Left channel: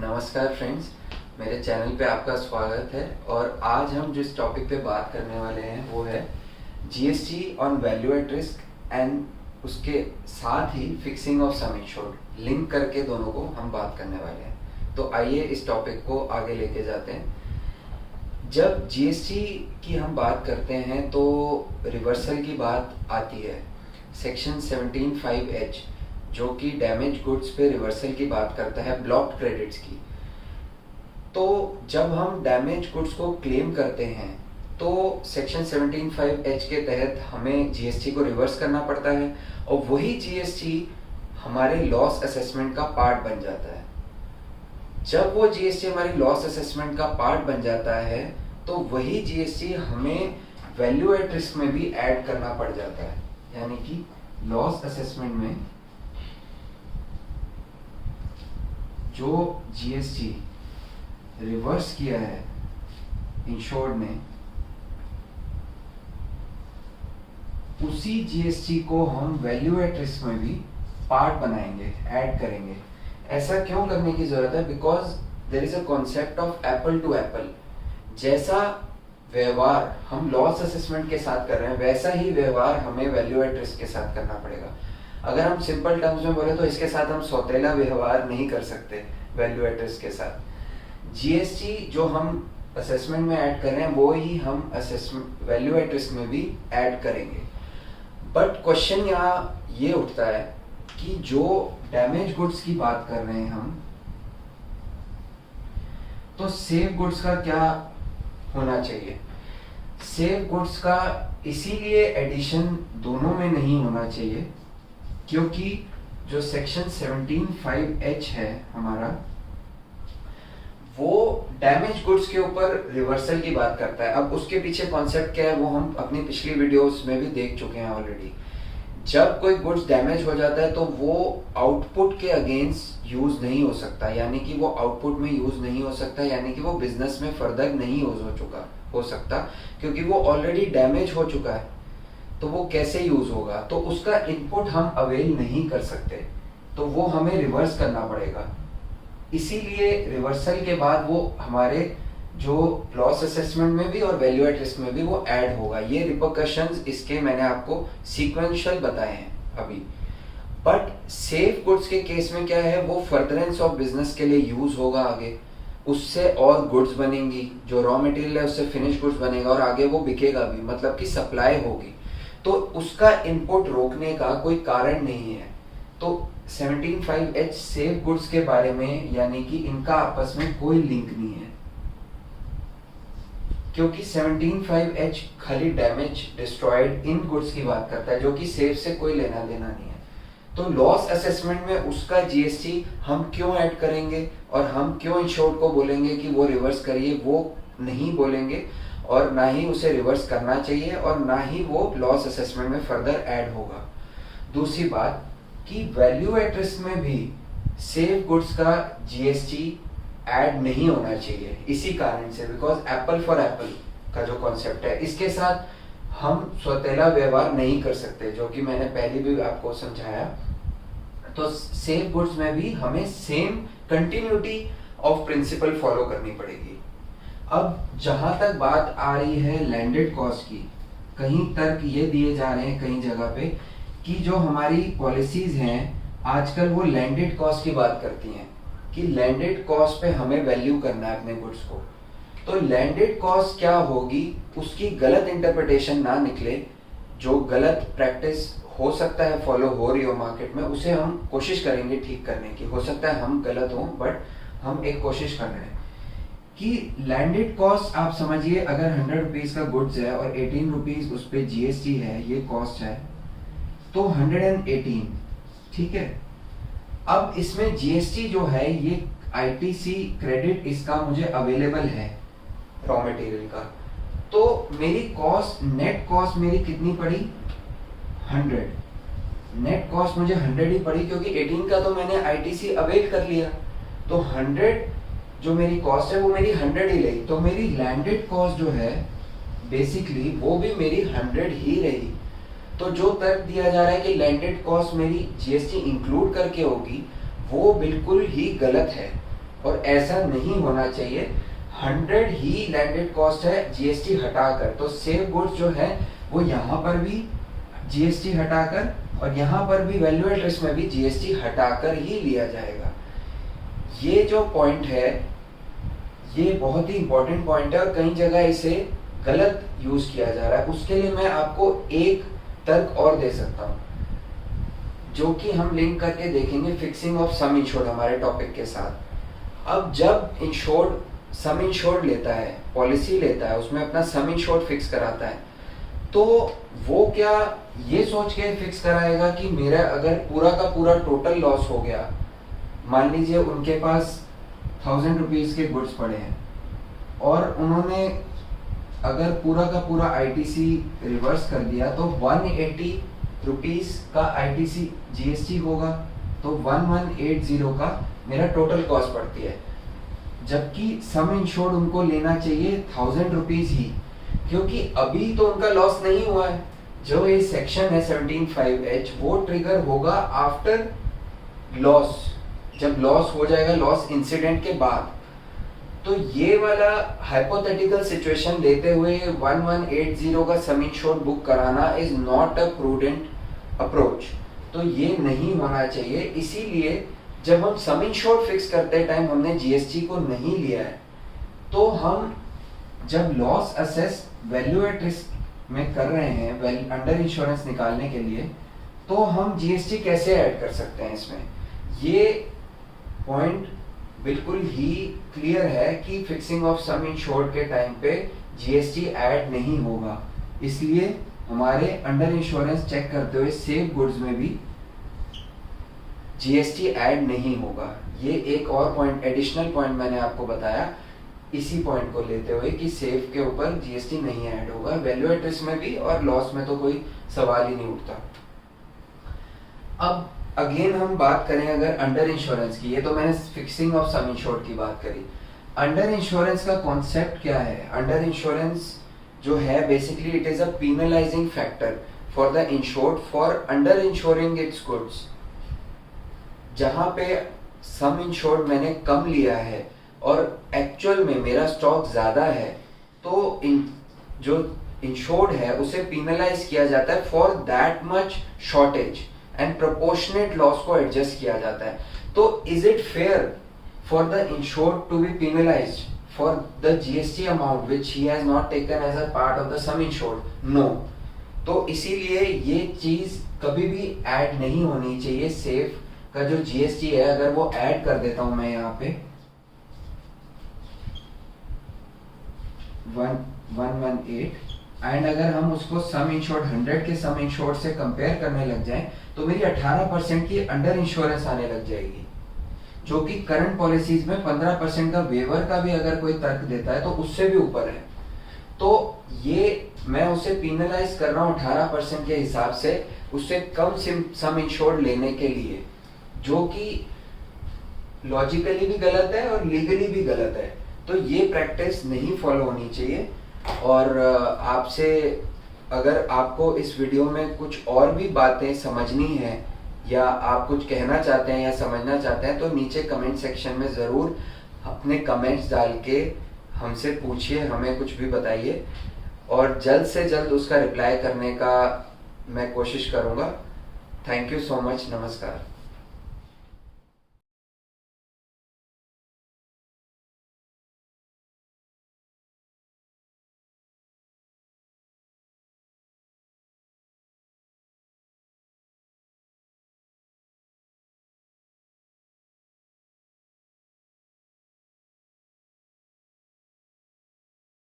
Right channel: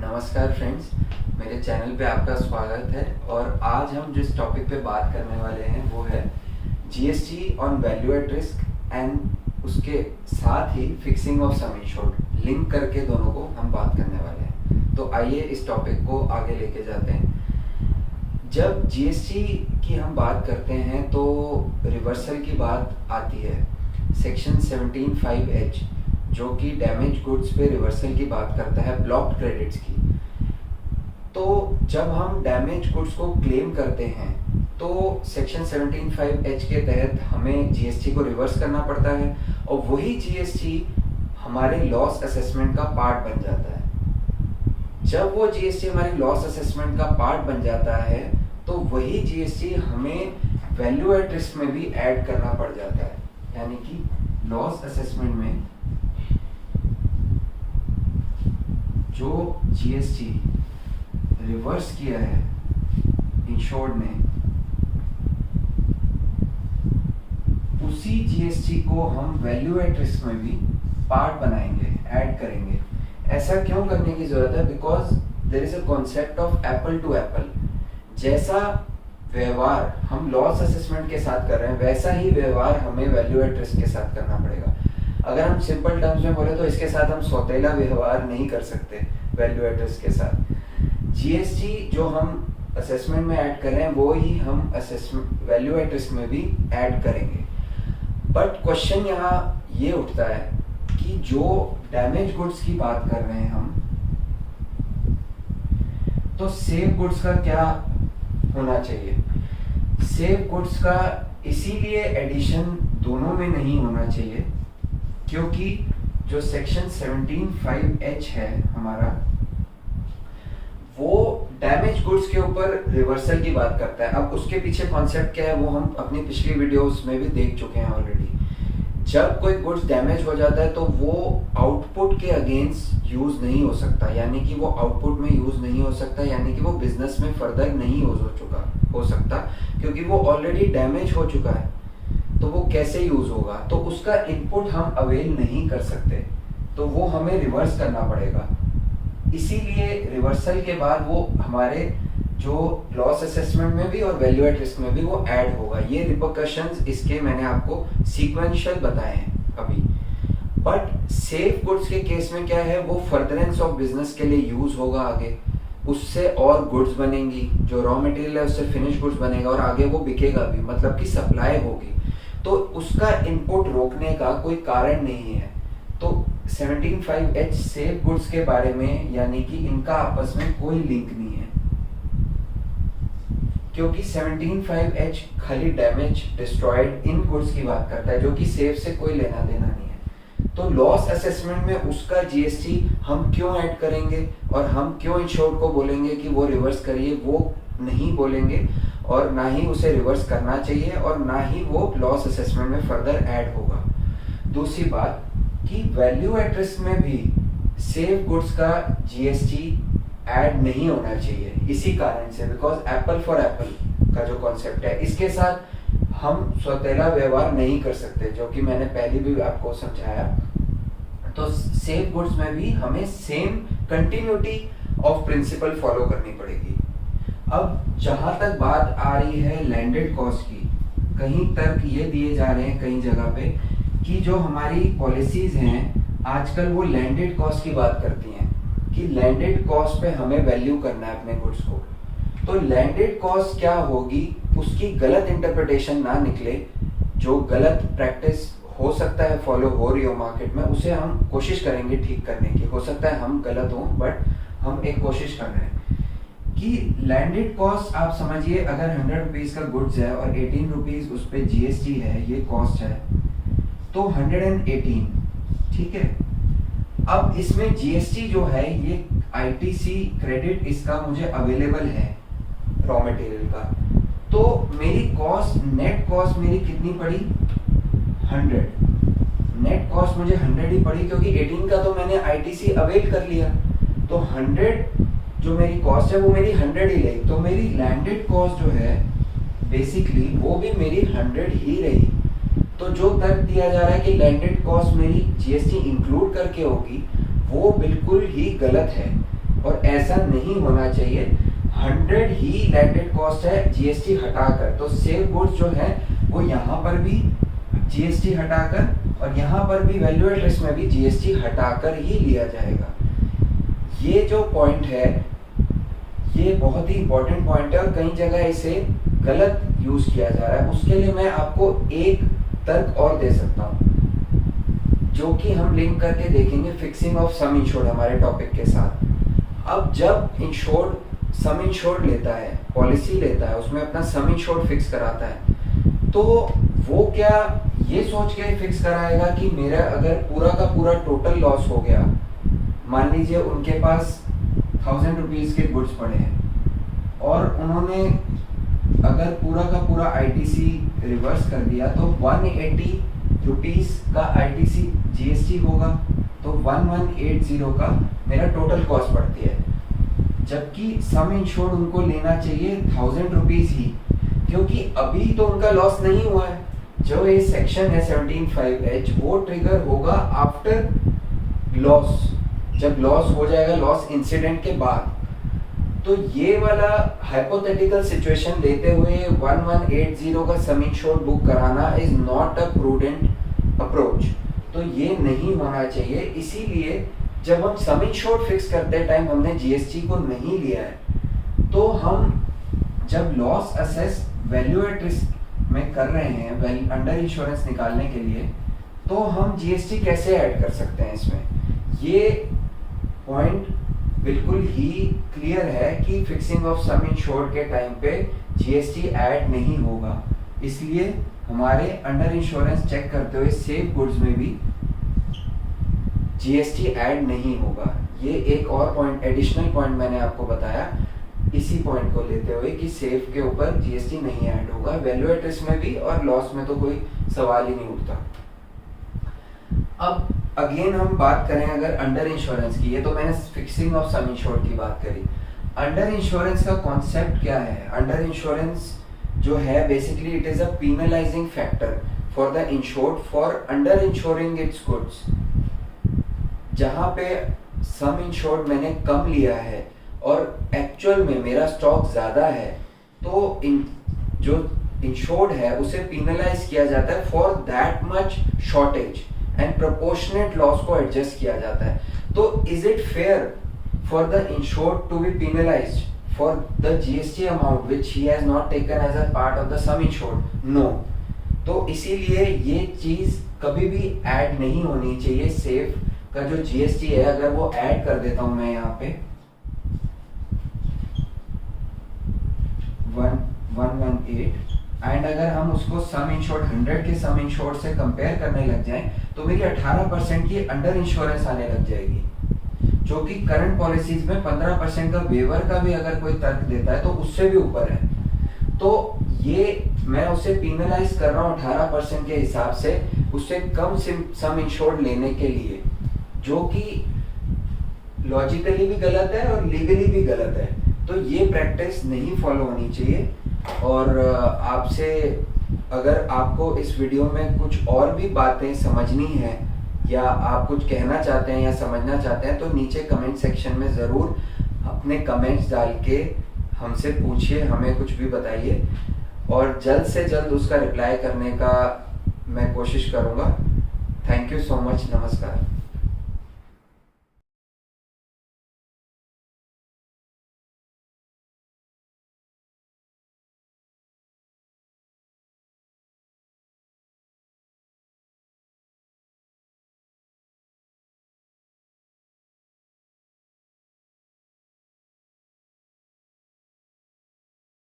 नमस्कार फ्रेंड्स, मेरे चैनल पे आपका स्वागत है। और आज हम जिस टॉपिक पे बात करने वाले हैं वो है GST on value at risk and उसके साथ ही फिक्सिंग ऑफ सम इंश्योर्ड, लिंक करके दोनों को हम बात करने वाले हैं। तो आइए इस टॉपिक को आगे लेके जाते हैं। जब जीएसटी की हम बात करते हैं तो रिवर्सल की बात आती है। सेक्शन 17(5)(h जो कि डैमेज गुड्स पे रिवर्सल की बात करता है, ब्लॉक्ड क्रेडिट्स की। तो जब हम डैमेज गुड्स को क्लेम करते हैं तो सेक्शन 17(5)(h के तहत हमें जीएसटी को रिवर्स करना पड़ता है और वही जीएसटी हमारे लॉस असेसमेंट का पार्ट बन जाता है। जब वो जीएसटी हमारी लॉस असेसमेंट का पार्ट बन जाता है तो वही जीएसटी हमें वैल्यू एट रिस्क में भी ऐड करना पड़ जाता है। यानी कि लॉस असेसमेंट में जो जीएसटी रिवर्स किया है इंश्योर्ड ने, उसी जीएसटी को हम वैल्यू एट रिस्क में भी पार्ट बनाएंगे, ऐड करेंगे। ऐसा क्यों करने की जरूरत है? Because there is a concept of apple to apple. जैसा व्यवहार हम लॉस असेसमेंट के साथ कर रहे हैं वैसा ही व्यवहार हमें वैल्यू एट रिस्क के साथ करना पड़ेगा। अगर हम सिंपल टर्म्स में बोले तो इसके साथ हम सौतेला व्यवहार नहीं कर सकते वैल्यू एट रिस्क के साथ। जीएसटी जो हम असेसमेंट में ऐड कर रहे हैं वो ही हम असेसमेंट वैल्यू एट रिस्क में भी ऐड करेंगे। बट क्वेश्चन यहाँ ये उठता है कि जो डैमेज गुड्स की बात कर रहे हैं हम, तो सेफ गुड्स का क्या होना चाहिए? सेफ गुड्स का इसीलिए एडिशन दोनों में नहीं होना चाहिए क्योंकि जो सेक्शन 17(5)(h है हमारा, वो डैमेज गुड्स के ऊपर रिवर्सल की बात करता है। अब उसके पीछे कॉन्सेप्ट क्या है वो हम अपनी पिछली वीडियोस में भी देख चुके हैं ऑलरेडी। जब कोई गुड्स डैमेज हो जाता है तो वो आउटपुट के अगेंस्ट यूज नहीं हो सकता, यानी कि वो आउटपुट में यूज नहीं हो सकता, यानी कि वो बिजनेस में फर्दर नहीं हो सकता क्योंकि वो ऑलरेडी डैमेज हो चुका है। तो वो कैसे यूज होगा? तो उसका इनपुट हम अवेल नहीं कर सकते, तो वो हमें रिवर्स करना पड़ेगा। इसीलिए रिवर्सल के बाद वो हमारे जो लॉस असेसमेंट में भी और वैल्यू एट रिस्क में भी वो ऐड होगा। ये रिपरकशंस इसके मैंने आपको सीक्वेंशियल बताए हैं अभी। बट सेफ गुड्स के केस में क्या है, वो फर्दरेंस ऑफ बिजनेस के लिए यूज होगा आगे, उससे और गुड्स बनेंगी, जो रॉ मटेरियल है उससे फिनिश गुड्स बनेगा और आगे वो बिकेगा भी, मतलब कि सप्लाई होगी। तो उसका इनपुट रोकने का कोई कारण नहीं है। तो 17(5)(h सेफ गुड्स के बारे में, यानी कि इनका आपस में कोई लिंक नहीं है क्योंकि 17(5)(h खाली डैमेज डिस्ट्रॉयड इन गुड्स की बात करता है जो कि सेफ से कोई लेना देना नहीं है। तो लॉस असेसमेंट में उसका जीएसटी हम क्यों ऐड करेंगे और हम क्यों इंश्योर्ड को बोलेंगे कि वो रिवर्स करिए? वो नहीं बोलेंगे और ना ही उसे रिवर्स करना चाहिए और ना ही वो लॉस असेसमेंट में फर्दर ऐड होगा। दूसरी बात कि वैल्यू एट रिस्क में भी सेफ गुड्स का जीएसटी ऐड नहीं होना चाहिए इसी कारण से, बिकॉज एप्पल फॉर एप्पल का जो कॉन्सेप्ट है इसके साथ हम सौतेला व्यवहार नहीं कर सकते, जो कि मैंने पहले भी आपको समझाया। तो सेफ गुड्स में भी हमें same continuity of principle follow करनी पड़ेगी। अब जहां तक बात आ रही है लैंडेड कॉस्ट की, कहीं तर्क ये दिए जा रहे हैं कई जगह पे कि जो हमारी पॉलिसीज हैं आजकल वो लैंडेड कॉस्ट की बात करती हैं कि लैंडेड कॉस्ट पे हमें वैल्यू करना है अपने गुड्स को। तो लैंडेड कॉस्ट क्या होगी, उसकी गलत इंटरप्रिटेशन ना निकले। जो गलत प्रैक्टिस हो सकता है फॉलो हो रही हो मार्केट में, उसे हम कोशिश करेंगे ठीक करने की। हो सकता है हम गलत हों, बट हम एक कोशिश कर रहे हैं कि लैंडेड कॉस्ट आप समझिए, अगर 100 रुपीज का गुड्स है और 18 रुपीज उस पर जीएसटी है, ये कॉस्ट है, तो 118, ठीक है। अब इसमें जीएसटी जो है ये आईटीसी क्रेडिट इसका मुझे अवेलेबल है रॉ मटेरियल का, तो मेरी कॉस्ट, नेट कॉस्ट मेरी कितनी पड़ी? 100। नेट कॉस्ट मुझे 100 ही पड़ी क्योंकि 18 का तो मैंने आईटीसी अवेल कर लिया। तो 100 जो मेरी कॉस्ट है वो मेरी 100 ही रही। तो मेरी लैंडेड कॉस्ट जो है बेसिकली वो भी मेरी 100 ही रही। तो जो तर्क दिया जा रहा है कि लैंडेड कॉस्ट मेरी जीएसटी इंक्लूड करके होगी, वो बिल्कुल ही गलत है। और ऐसा नहीं होना चाहिए। 100 ही लैंडेड कॉस्ट है जीएसटी हटाकर। तो सेफ गुड्स जो है वो यहाँ पर भी जीएसटी हटाकर और यहाँ पर भी वैल्यू एट रिस्क में भी जीएसटी हटाकर ही लिया जाएगा। ये जो पॉइंट है ये बहुत ही इंपॉर्टेंट पॉइंट है और कई जगह इसे गलत यूज किया जा रहा है। उसके लिए मैं आपको एक तर्क और दे सकता हूँ जो कि हम लिंक करके देखेंगे फिक्सिंग ऑफ सम इंश्योर्ड हमारे टॉपिक के साथ। अब जब इंश्योर्ड सम इंश्योर्ड लेता है, पॉलिसी लेता है, उसमें अपना सम इंश्योर्ड फिक्स कराता है, तो वो क्या ये सोच के फिक्स कराएगा कि मेरा अगर पूरा का पूरा टोटल लॉस हो गया, मान लीजिए उनके पास 1000 रुपीज के गुड्स पड़े हैं और उन्होंने अगर पूरा का पूरा आईटीसी रिवर्स कर दिया तो 180 रुपीज का आईटीसी जीएसटी होगा, तो 1180 का मेरा टोटल कॉस्ट पड़ती है। जबकि सम इंश्योर्ड उनको लेना चाहिए 1000 रुपीज ही, क्योंकि अभी तो उनका लॉस नहीं हुआ है। जो ये सेक्शन है 17(5)(h वो ट्रिगर होगा आफ्टर लॉस, जब लॉस हो जाएगा, लॉस इंसिडेंट के बाद। तो ये वाला हाइपोथेटिकल सिचुएशन लेते हुए 1180 का सम इंश्योर्ड बुक कराना is not a prudent approach. तो ये नहीं होना चाहिए। इसीलिए जब हम सम इंश्योर्ड फिक्स करते टाइम हमने जीएसटी को नहीं लिया है, तो हम जब loss assess value at risk में कर रहे हैं अंडर इंश्योरेंस निकालने के लिए, तो हम जीएसटी कैसे ऐड कर सकते हैं इसमें। ये पॉइंट बिल्कुल ही क्लियर है कि फिक्सिंग ऑफ सम इंश्योर्ड के टाइम पे जीएसटी ऐड नहीं होगा। इसलिए हमारे अंडर इंश्योरेंस चेक करते हुए सेफ गुड्स में भी जीएसटी ऐड नहीं होगा। ये एक और पॉइंट, एडिशनल पॉइंट मैंने आपको बताया इसी पॉइंट को लेते हुए कि सेफ के ऊपर जीएसटी नहीं ऐड होगा। वैल्यू एट रिस्क में भी और लॉस में तो कोई सवाल ही नहीं उठता। अब अगेन हम बात करें अगर अंडर इंश्योरेंस की, ये तो मैंने फिक्सिंग ऑफ सम इंश्योर्ड की बात करी। अंडर इंश्योरेंस का कॉन्सेप्ट क्या है? अंडर इंश्योरेंस जो है basically it is a penalising factor for the insured for under insuring its goods. जहां पे सम इंश्योर्ड मैंने कम लिया है और एक्चुअल में मेरा स्टॉक ज्यादा है, तो जो इंश्योर्ड है उसे पीनलाइज किया जाता है for that much shortage and proportionate loss को एडजस्ट किया जाता है। तो is it fair for the insured to be penalised for the GST amount which he has not taken as a part of the sum insured? No. तो इसीलिए ये चीज कभी भी ऐड नहीं होनी चाहिए। सेफ का जो जीएसटी है अगर वो ऐड कर देता हूं मैं यहाँ पे 118 एंड अगर हम उसको सम इंश्योर्ड 100 के सम इंश्योर्ड से कंपेयर करने लग जाएं तो मेरी 18% की अंडर इंश्योरेंस आने लग जाएगी, जो कि करंट पॉलिसीज में 15% का वेवर का भी अगर कोई तर्क देता है तो उससे भी ऊपर है। तो ये मैं उसे पीनलाइज कर रहा हूँ 18% के हिसाब से, उससे कम सम इंश्योर्ड लेने के लिए, जो कि लॉजिकली भी गलत है और लीगली भी गलत है। तो ये प्रैक्टिस नहीं फॉलो होनी चाहिए। और आपसे अगर आपको इस वीडियो में कुछ और भी बातें समझनी है या आप कुछ कहना चाहते हैं या समझना चाहते हैं, तो नीचे कमेंट सेक्शन में ज़रूर अपने कमेंट्स डाल के हमसे पूछिए, हमें कुछ भी बताइए और जल्द से जल्द उसका रिप्लाई करने का मैं कोशिश करूँगा। Thank you so much. नमस्कार।